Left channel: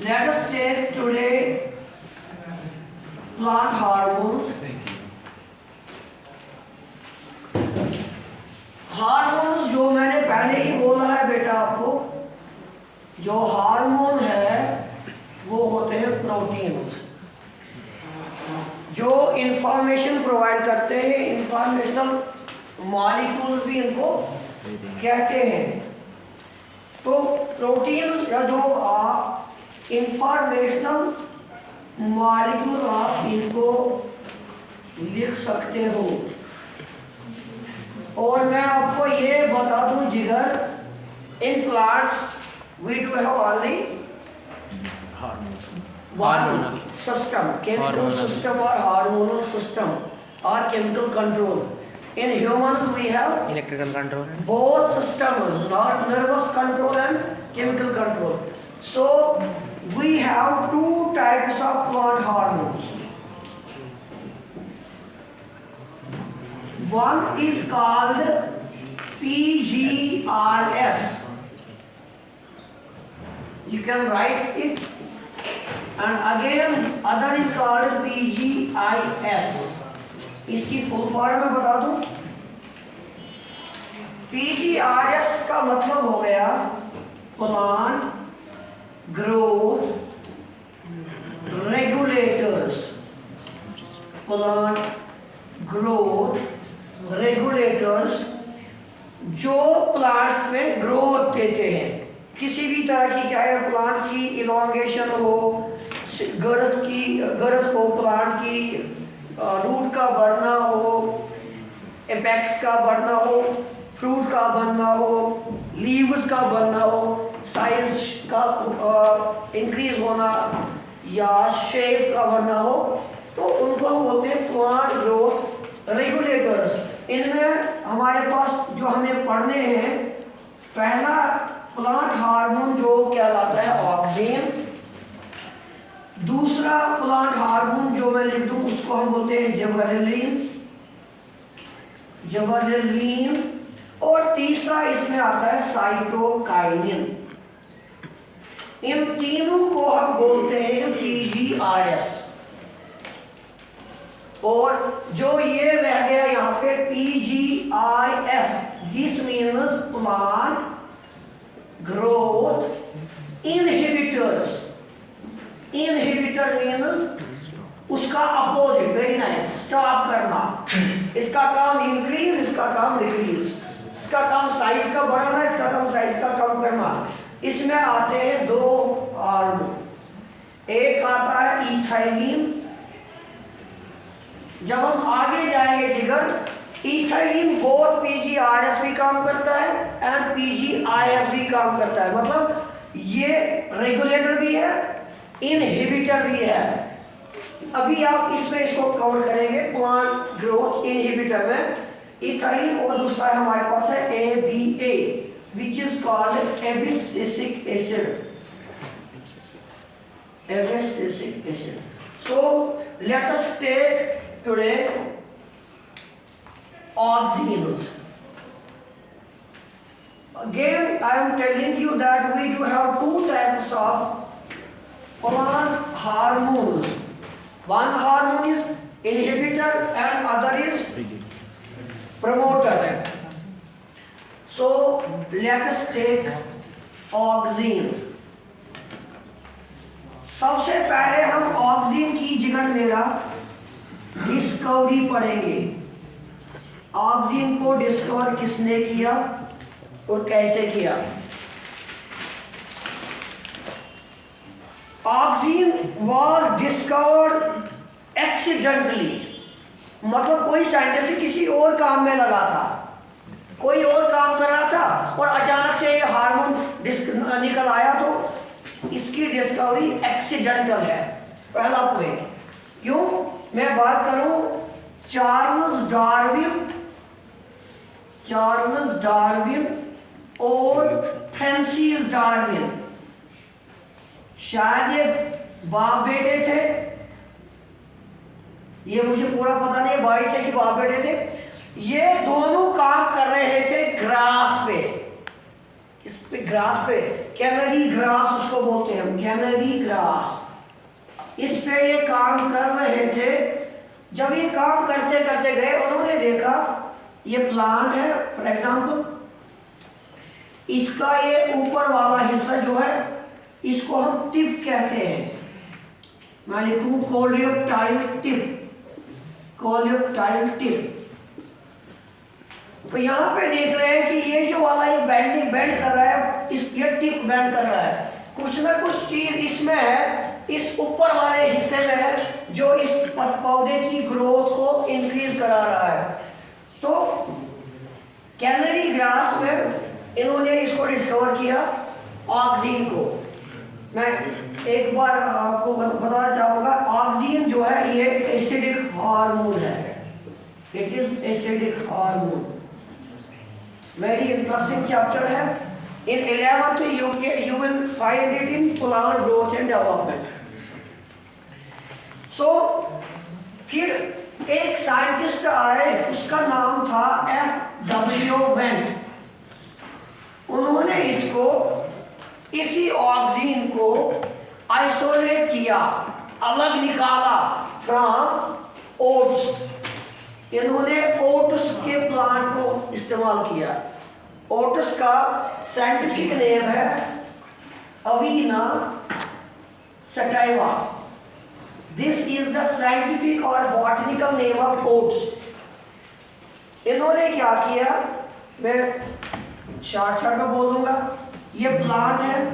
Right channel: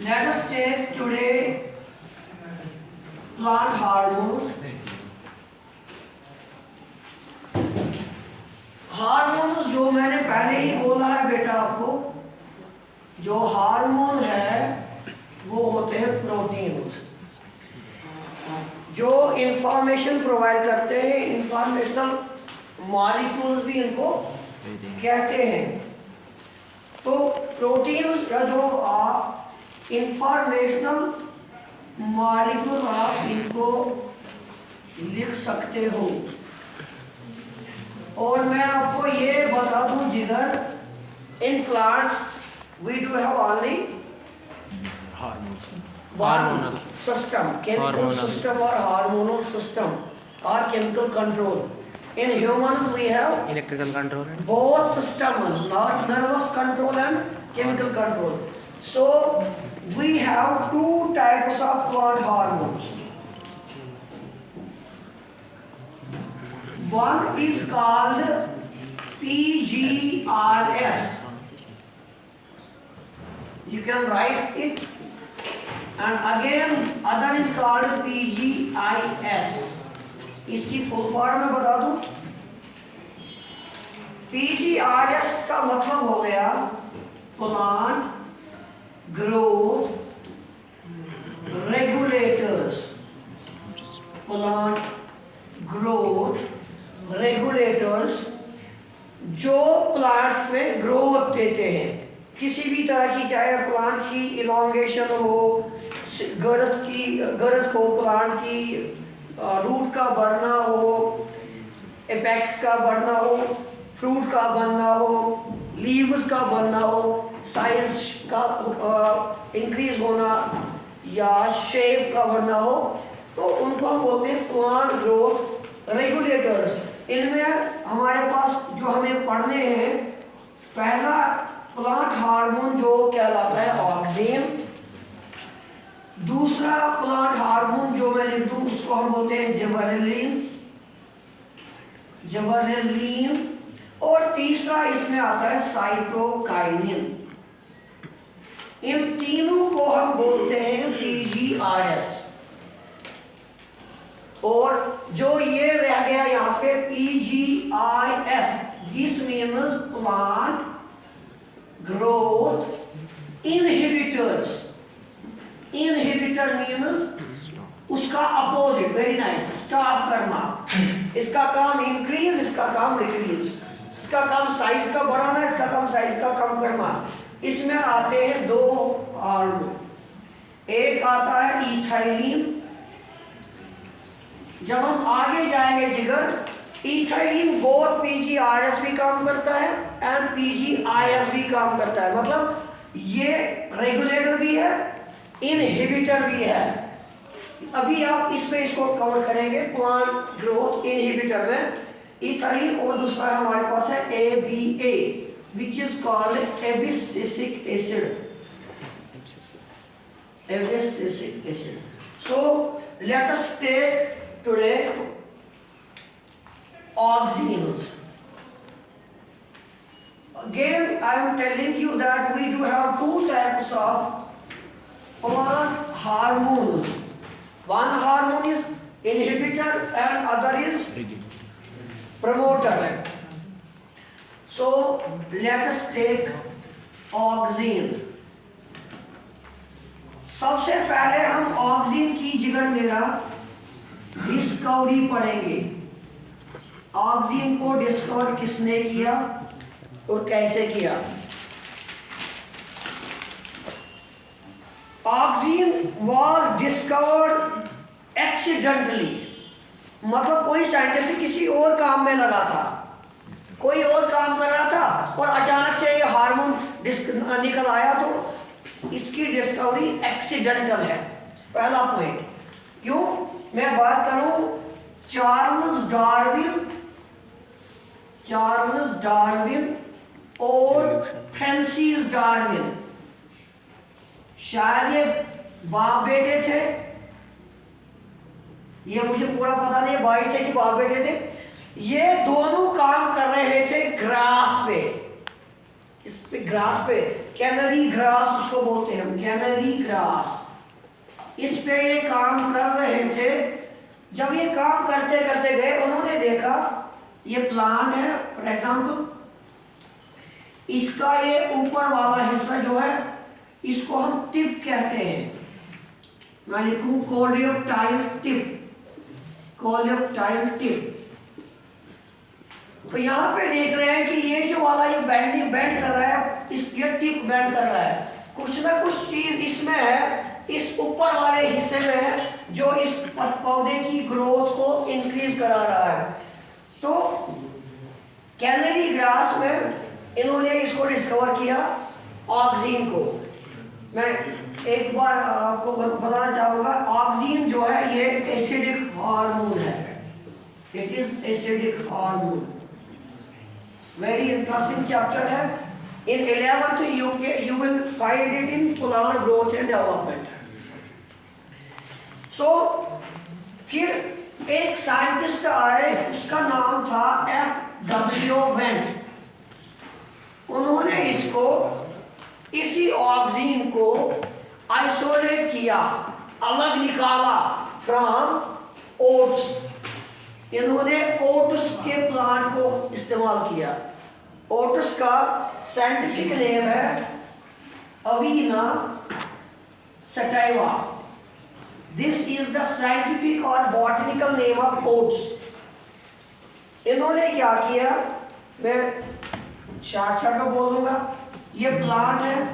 Let us take today plant hormones. Hormones जो मैंने पहले ही बोला है बेटा आपको, जो हार्मोन है वो होते हैं प्रोटीन्स जो इंफॉर्मेशन प्रोवाइड करते हैं। इंफॉर्मेशनल मॉलिक्यूल्स भी इनको कहते हैं। तो प्रोटीन्स या जो आप इंफॉर्मेशनल मॉलिक्यूल आप इनको लिख सकते हो। और मैं आपको ये बता दूं जिगर, in plants we do have only hormonal system, chemical system और हार्मोनल सिस्टम और chemical control. In humans we have electrical control, both systems, not nervous control and chemical control. So we have two types of plant hormones. One is called PGRS. You can write it. And again other is called PGIS. इसकी full form में बता दूं। PGRS का मतलब हो गया plant growth regulators. Plant growth regulators जो plants में ग्रोथ देते हैं किसी भी तरह की, चाहे प्लांट की इलॉन्गेशन हो, ग्रोथ हो, प्लांट की रूट का बढ़ना हो, एपेक्स का बढ़ना हो, फ्रूट का बनना हो, लीव्स का बनना हो, साइज का इंक्रीज होना या शेप का बनना हो, तो उनको हम बोलते हैं प्लांट ग्रोथ रेगुलेटर्स। इनमें हमारे पास जो हमें पढ़ने हैं, पहला प्लांट हार्मोन जो कहलाता है ऑक्सीन। दूसरा प्लांट हार्मोन जो मैं लिख दूं उसको हम बोलते हैं जिबरेलिन। और तीसरा इसमें आता है साइटोकाइनिन। इन तीनों को हम बोलते हैं PGRS। और जो ये रह गया यहाँ पे PGIS, this means plant growth inhibitors. Inhibitor means उसका अपोजिट, वेरी नाइस, स्टॉप करना। इसका काम इंक्रीज, इसका काम डिक्रीज, इसका काम साइज का बढ़ाना, इसका काम साइज का कम करना। इसमें आते हैं दो हार्मोन, एक आता है इथाइलिन। जब हम आगे जाएंगे जिगर, इथाइलिन बोथ PGRS भी काम करता है एंड PGIS भी काम करता है। मतलब ये रेगुलेटर भी है, इनहिबिटर भी है। अभी आप इसमें इसको कवर करेंगे प्लांट ग्रोथ इनहिबिटर में इथाइलिन, और दूसरा हमारे पास है ABA which is called abscisic acid. Abscisic acid. So let us take today auxins. Again I am telling you that we do have two types of plant hormones. One hormone is inhibitor and other is promoter. So let us take auxin. सबसे पहले हम oxygen की जिगर मेरा discovery पढ़ेंगे। Oxygen को discover किसने किया और कैसे किया। ऑक्सीन वॉज डिस्कवर्ड एक्सीडेंटली, मतलब कोई साइंटिस्ट किसी और काम में लगा था, कोई और काम कर रहा था और अचानक से ये हार्मोन निकल आया, तो इसकी डिस्कवरी एक्सीडेंटल है। पहला पॉइंट। क्यों मैं बात करूं चार्ल्स डार्विन और फ्रांसिस डार्विन, शायद ये बाप बेटे थे, ये मुझे पूरा पता नहीं भाई थे कि बाप बेटे थे। ये दोनों काम कर रहे थे ग्रास पे। इस पे ग्रास पे, कैनरी ग्रास उसको बोलते हैं, कैनरी ग्रास। इस पे ये काम कर रहे थे। जब ये काम करते करते गए, उन्होंने देखा ये प्लांट है, फॉर एग्जाम्पल इसका ये ऊपर वाला हिस्सा जो है इसको हम टिप कहते हैं। मैं लिखूं कोलियोप्टाइल टिप, कोलियोप्टाइल टिप। तो यहाँ पे देख रहे हैं कि ये जो वाला ये बेंडिंग बेंड कर रहा है, इस ये टिप बेंड कर रहा है, कुछ ना कुछ चीज इसमें है, इस ऊपर वाले हिस्से में है जो इस पौधे की ग्रोथ को इंक्रीज करा रहा है। तो कैनरी ग्रास में इन्होंने इसको डिस्कवर किया, ऑक्सीन को। मैं एक बार आपको बताना चाहूँगा, ऑक्सीन जो है ये एसिडिक हार्मोन है, it is acidic hormone. Very interesting chapter है। In 11th you will find it in plant growth and development. So फिर एक साइंटिस्ट आए, उसका नाम था F.W. वेंट। उन्होंने इसको, इसी ऑक्सीन को आइसोलेट किया, अलग निकाला फ्रॉम ओट्स। इन्होंने ओट्स के प्लांट को इस्तेमाल किया। ओट्स का साइंटिफिक नेम है Avena sativa. This is the scientific और बॉटनिकल नेम ऑफ ओट्स। इन्होंने क्या किया, मैं शॉर्ट में बोल दूंगा, ये प्लांट है।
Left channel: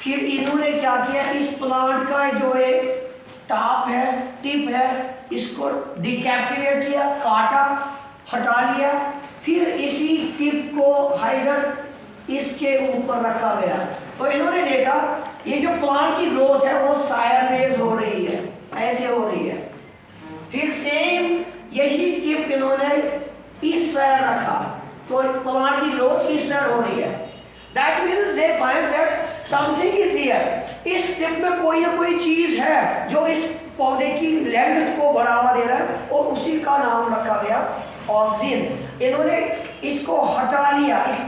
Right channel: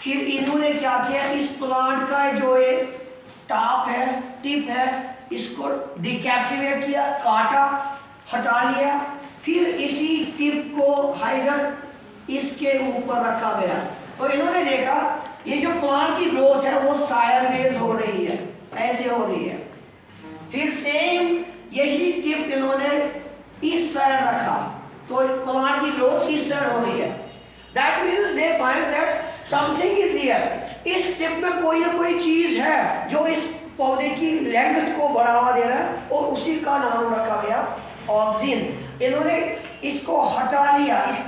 फिर इन्होंने क्या किया, इस प्लांट का जो ये टॉप है, टिप है, इसको डिकैप्टिवेट किया, काटा, हटा लिया। फिर इसी टिप को हाइडर इसके ऊपर रखा गया। तो इन्होंने देखा ये जो प्लांट की ग्रोथ है वो साइडवेज हो रही है, ऐसे हो रही है। फिर सेम यही टिप इन्होंने इस साइड रखा, तो प्लांट की ग्रोथ इस साइड हो रही है। That means they find that something is there. इस टिप में कोई ना कोई चीज है जो इस पौधे की लेंथ को बढ़ावा दे रहा है, और उसी का नाम रखा गया ऑक्सीन। इन्होंने इसको हटा लिया, इस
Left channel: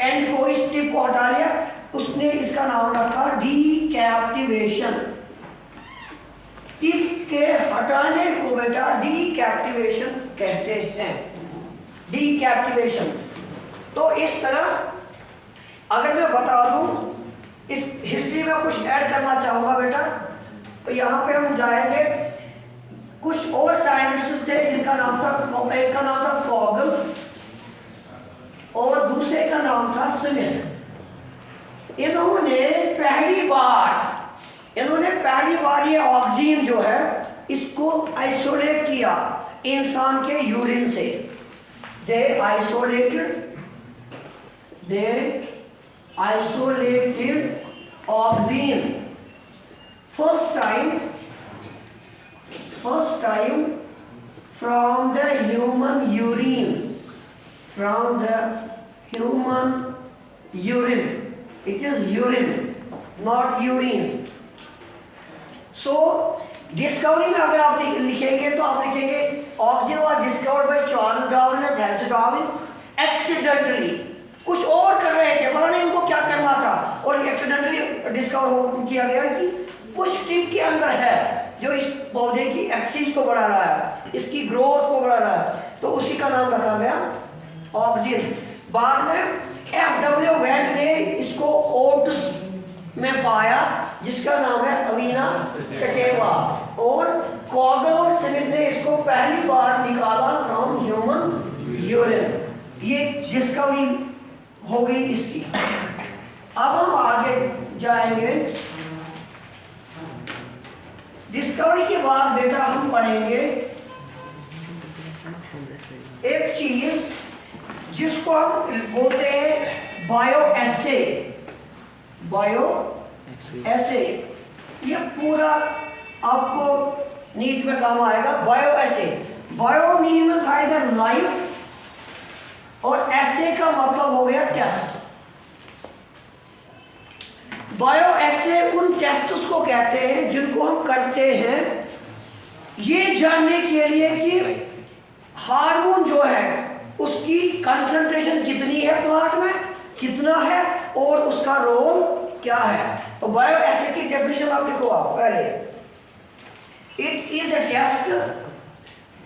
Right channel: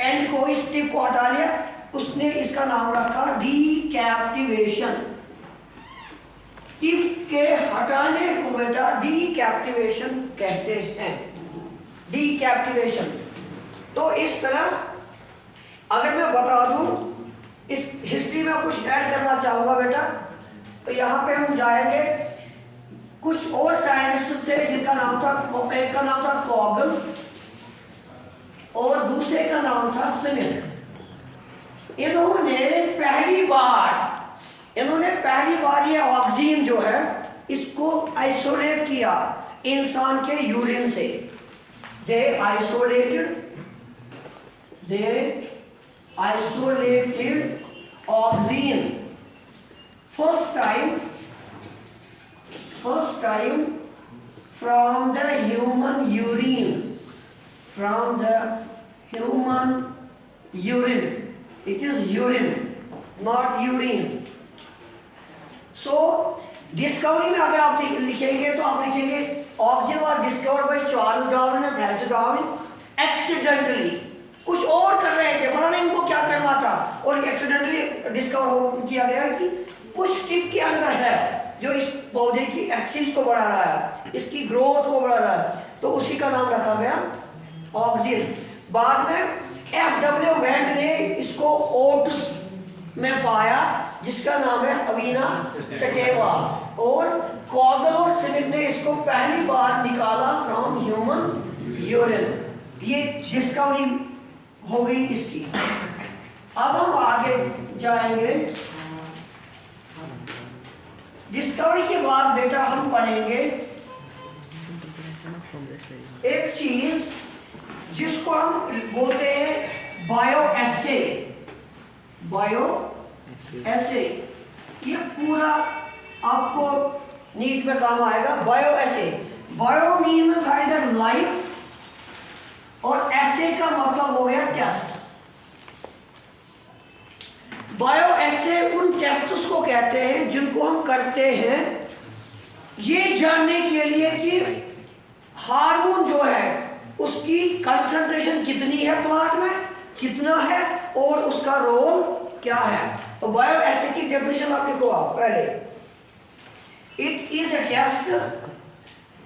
एंड को, इस टिप को हटा लिया, उसने इसका नाम रखा डीकैप्टिवेशन। टिप के हटाने को बेटा डीकैप्टिवेशन कहते हैं, डीकैप्टिवेशन। तो इस तरह अगर मैं बता दूं, इस हिस्ट्री में कुछ ऐड करना चाहूंगा बेटा, तो यहाँ पे हम जाएंगे। कुछ और साइंटिस्ट थे जिनका नाम था, एक का नाम था कॉगल और दूसरे का नाम था स्मिथ। इन्होंने पहली बार ये ऑक्सीन जो है इसको आइसोलेट किया इंसान के यूरिन से। They isolated auxin first time from the human urine, it is urine, not urine. So discovery में अगर आप लिखेंगे तो आप लिखेंगे oxygen was discovered by Charles Darwin and Francis Darwin accidentally. कुछ और कर रहे थे, पता नहीं उनको क्या करना था, और एक्सीडेंटली डिस्कवर किया गया कि कुछ टिप के अंदर है जो इस पौधे की एक्सिस को बढ़ा रहा है, इसकी ग्रोथ को बढ़ा रहा है, तो उसी का नाम रखा गया ऑक्सीन। बाद में F.W. वेंट ने इसको ओट्स में पाया, जिसका नाम है अवीना सटाइवा, और कॉगल और स्मिथ ने इसको पहली बार निकाला फ्रॉम ह्यूमन यूरिन। ये डिस्कवरी हो गई इसकी। अब हम आगे जाएंगे। डिस्कवरी के बाद बेटा हम पढ़ेंगे एक चीज जिसको हम बोलते हैं बायो एसे। ये पूरा आपको नीट में काम आएगा। बायो एसे, बायो मीन्स आइदर लाइफ, और एसे का मतलब हो गया टेस्ट। बायो एसे उन टेस्ट्स को कहते हैं जिनको हम करते हैं ये जानने के लिए कि हार्मोन जो है उसकी कंसंट्रेशन कितनी है प्लांट में, कितना है और उसका रोल क्या है। तो बायो एसिड की डेफिनेशन आप लिखो आप पहले। It is a test,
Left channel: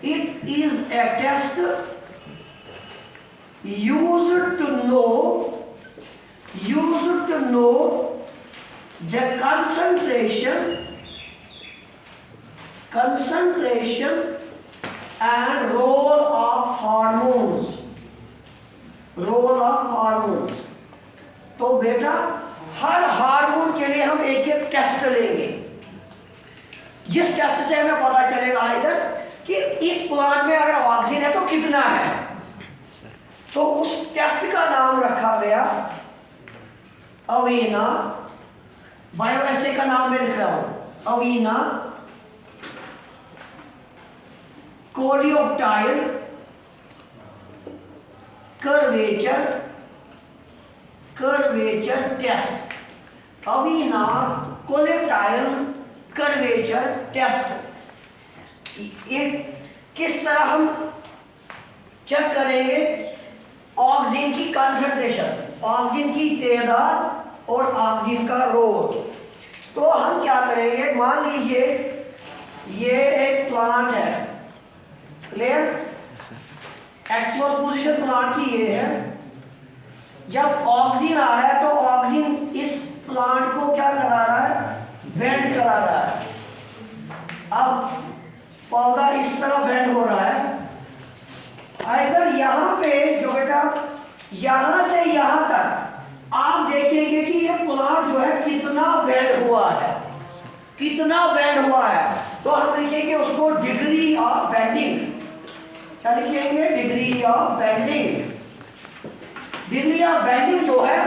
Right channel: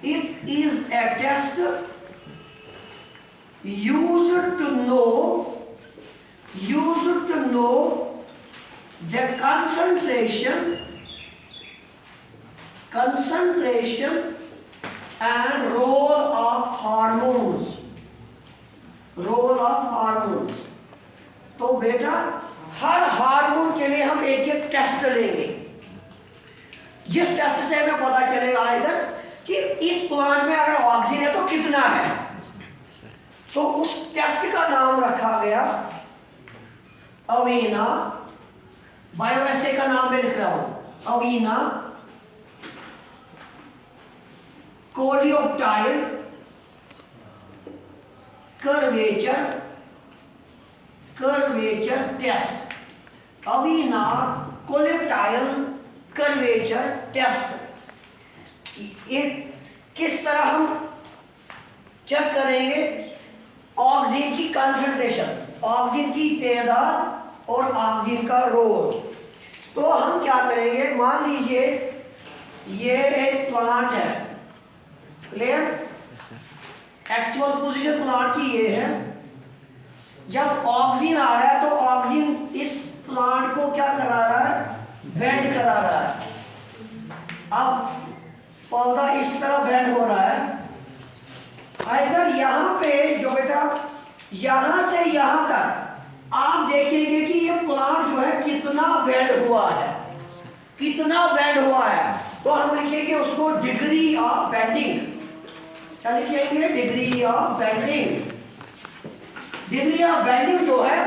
it is a test used to know the concentration and role of hormones, तो बेटा हर हार्मोन के लिए हम एक एक टेस्ट लेंगे, जिस टेस्ट से हमें पता चलेगा इधर कि इस प्लांट में अगर ऑक्सीजन है तो कितना है। तो उस टेस्ट का नाम रखा गया अवीना, बायोएसे का नाम मैं लिख रहा हूं, Avena coleoptile curvature test, Avena coleoptile curvature test. एक किस तरह हम चेक करेंगे ऑक्सीजन की कंसंट्रेशन, ऑक्सीजन की तादाद और ऑक्सीजन का रोल। तो हम क्या करेंगे, मान लीजिए ये एक प्लांट है, क्लियर, एक्चुअल पोजीशन प्लांट की ये है। जब ऑक्सीजन आ रहा है तो ऑक्सीजन इस प्लांट को क्या करा रहा है, बेंड करा रहा है। अब पौधा इस तरह बेंड हो रहा है, इधर यहाँ पे जो बेटा यहाँ से यहाँ तक आप देखेंगे कि ये प्लांट जो है कितना बेंड हुआ है, कितना बेंड हुआ है। तो हम लिखेंगे उसको डिग्री ऑफ बेंडिंग। क्या लिखेंगे, degree of bending. Degree of bending जो है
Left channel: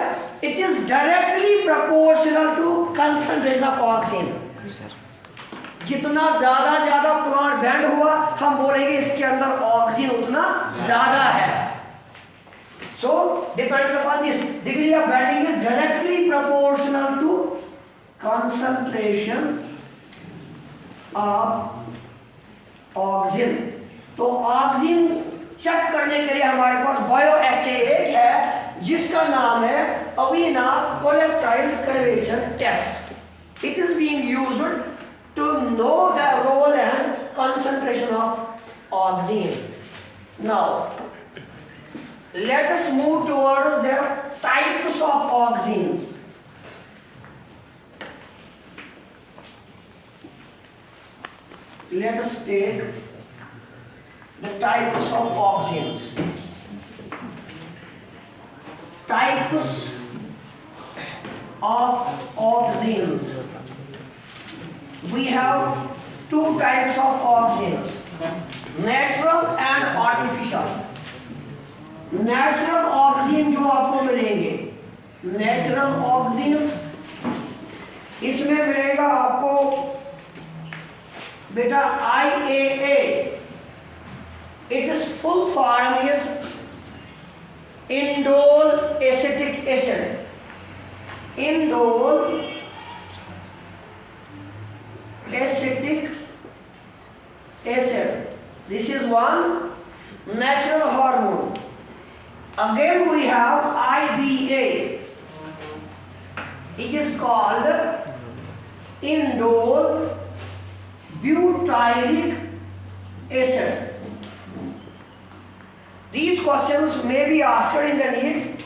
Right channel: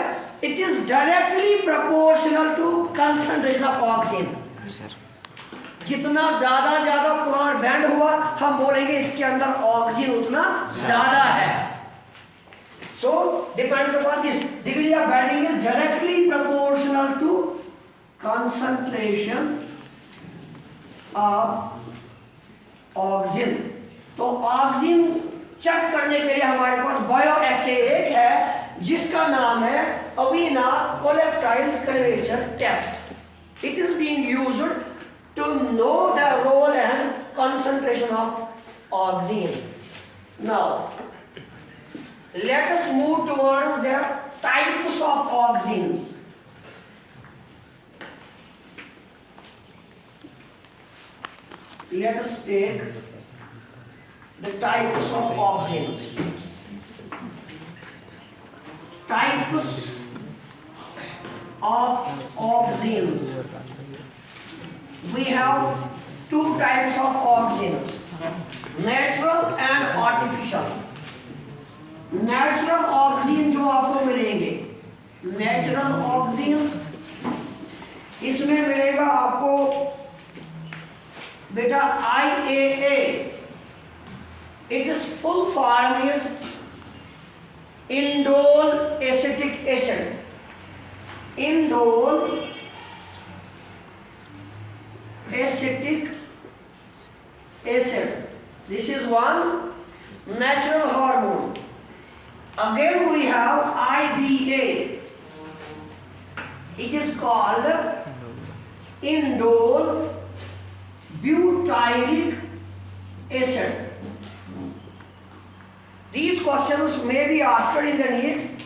it is directly proportional to concentration of oxygen. जितना ज्यादा प्लांट बेंड हुआ हम बोलेंगे इसके अंदर ऑक्सीजन उतना ज्यादा है। So depends upon this, degree of bending is directly proportional to concentration of oxygen. तो ऑक्सीजन चेक करने के लिए हमारे पास बायो एसे एक है जिसका नाम है Avena coleoptile curvature test. It is being used to know the role and concentration of oxygen. Now, let us move towards the types of oxygens. Let us take the types of oxygens. Types of oxygens. We have two types of oxygens, natural and artificial. Natural oxygen जो आपको मिलेंगे, natural oxygen इसमें मिलेगा आपको बेटा IAA. Its full form is indole acetic acid. Indole acetic acid. This is one natural hormone. Again we have IBA. It is called indole butyric acid. These questions may be asked in the NEET,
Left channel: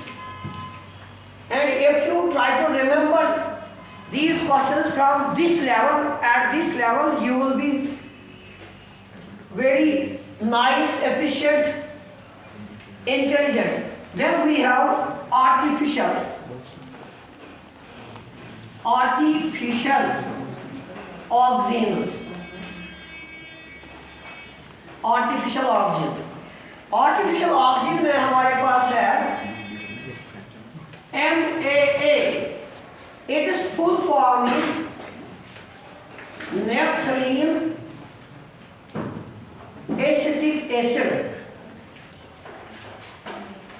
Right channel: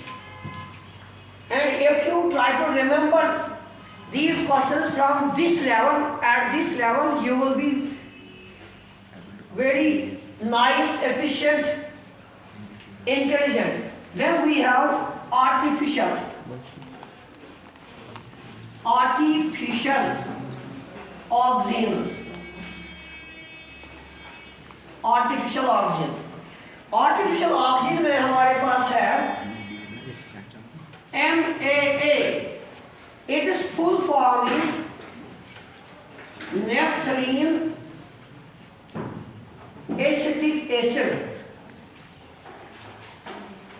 and if you try to remember these questions from this level, at this level you will be very nice, efficient, intelligent. Then we have artificial oxygens. Artificial oxygen में हमारे पास है MAA. Its full form is naphthalene acetic acid.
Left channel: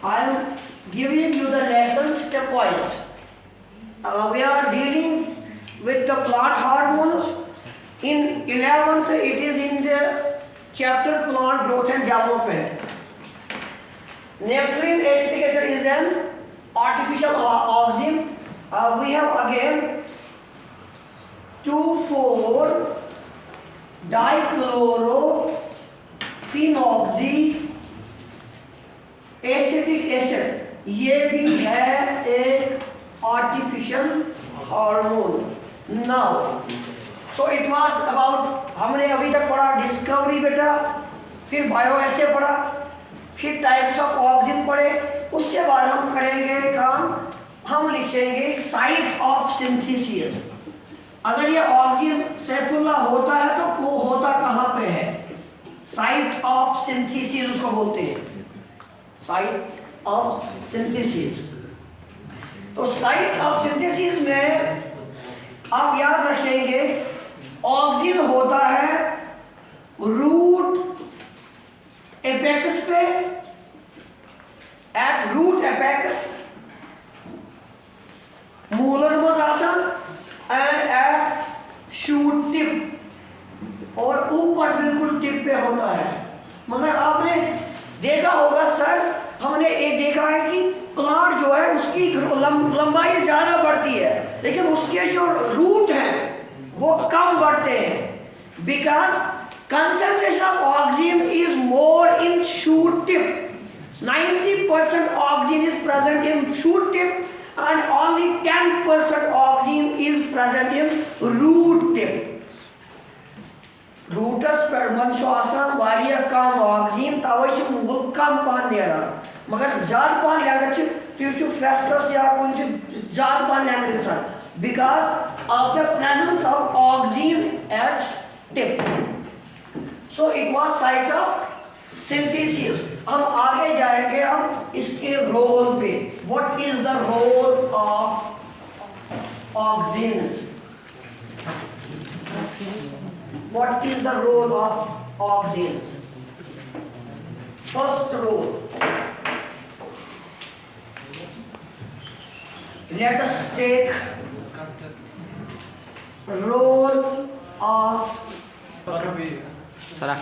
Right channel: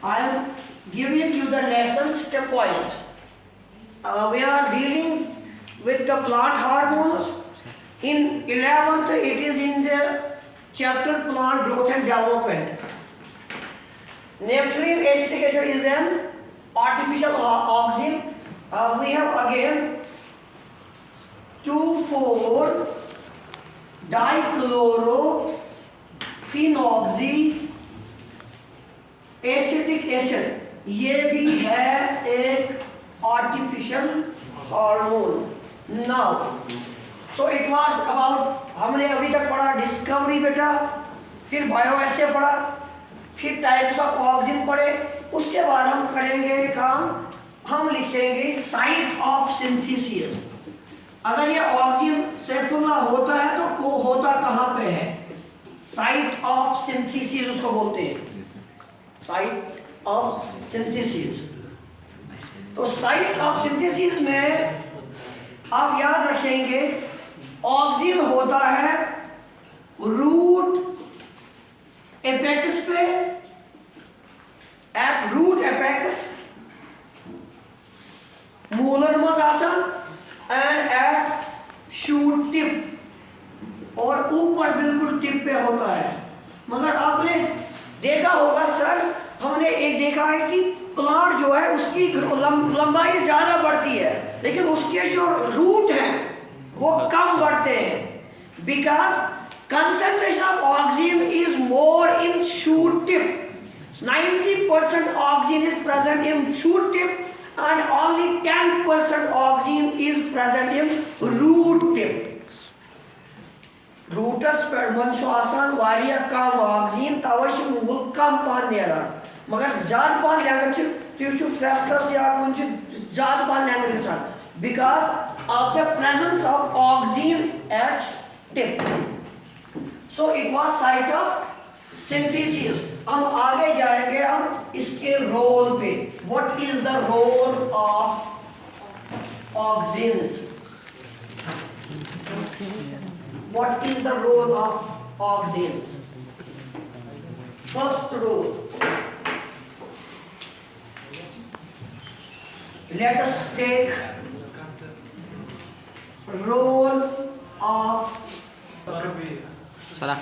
I am giving you the lesson stepwise. We are dealing with the plant hormones. In 11th, it is in the chapter plant growth and development. Naphthalene acetic acid is an artificial oxygen. We have again 2,4-dichlorophenoxy acetic acid, ये भी है एक artificial hormone. Now so it was about, हमने अभी तक पढ़ा discovery बेटा, फिर बायोएसे पढ़ा, फिर टाइप्स ऑफ ऑक्सीजन पढ़े। उसके बाद हम करेंगे काम, हम लिखेंगे साइट ऑफ सिंथेसिस। अगर ये ऑक्सीजन सैफुल्ला होता है तो को होता कहाँ पे है? साइट ऑफ सिंथेसिस उसको बोलते हैं, साइट ऑफ सिंथेसिस। तो साइट ऑफ सिंथेसिस में आप याद रखेंगे ऑक्सीजन होता है रूट एपेक्स पे, एट रूट एपेक्स मूलन मज आसन एंड एट शूट टिप, और ऊपर बिल्कुल टिप पे होता है। मगर आपने देखा होगा सर, हमने एक देखा है कि प्लांट जो है उसकी लंबाई ज़्यादा बढ़ती है, लेकिन उसके जो रूट हैं वो कम बढ़ते हैं, because concentration of oxygen is more in shoot tip. 90% oxygen is present in shoot tip and only 10% oxygen is present in root tip. Roots पर मनशो आसान वारिया कम ऑक्सीजन तवश मुगल कम पान नेरा, मगर ज़्यादा पान लेंगे च तो फ्रेशनेस या कुछ ज़्यादा पान लेंगे गसान, because of the presence of oxygen at tip. So it was site of synthesis. हम आगे जाएंगे हम इसके रोल पे। What is the role of oxygen? What is the role of oxygen? First role, let us take role of sir आप